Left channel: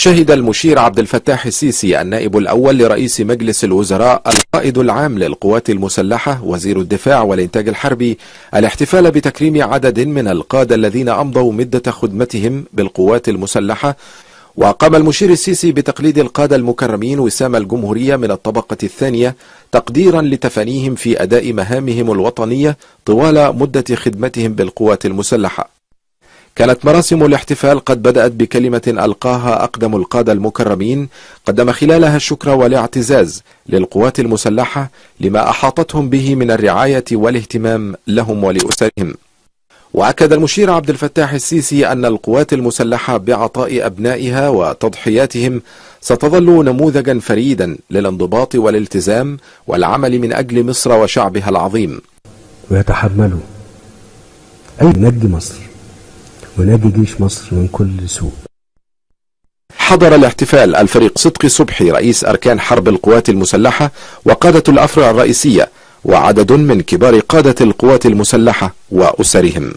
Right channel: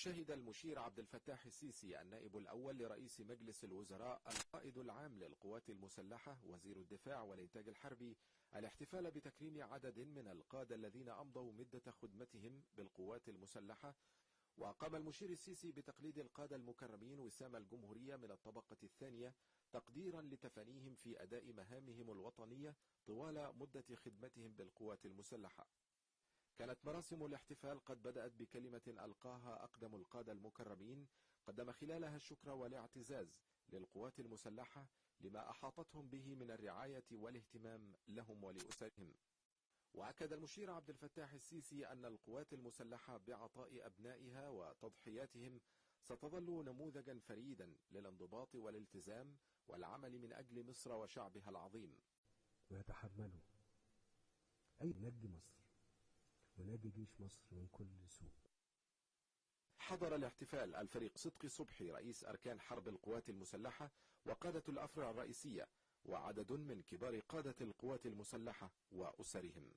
شهد المشير عبد الفتاح السيسي النائب الأول لرئيس مجلس الوزراء القائد العام للقوات المسلحة وزير الدفاع والإنتاج الحربي الاحتفال بتكريم عدد من القادة الذين أمضوا مدة خدمتهم بالقوات المسلحة. وقام المشير السيسي بتقليد القادة المكرمين وسام الجمهورية من الطبقة الثانية تقديرا لتفانيهم في أداء مهامهم الوطنية طوال مدة خدمتهم بالقوات المسلحة. كانت مراسم الاحتفال قد بدأت بكلمة ألقاها أقدم القادة المكرمين قدم خلالها الشكر والاعتزاز للقوات المسلحة لما أحاطتهم به من الرعاية والاهتمام لهم ولأسرهم. وأكد المشير عبد الفتاح السيسي أن القوات المسلحة بعطاء أبنائها وتضحياتهم ستظل نموذجا فريدا للانضباط والالتزام والعمل من أجل مصر وشعبها العظيم، ويتحملوا أي نجي مصر ونادي جيش مصر من كل سوء. حضر الاحتفال الفريق صدقي صبحي رئيس أركان حرب القوات المسلحة وقادة الأفرع الرئيسية وعدد من كبار قادة القوات المسلحة وأسرهم.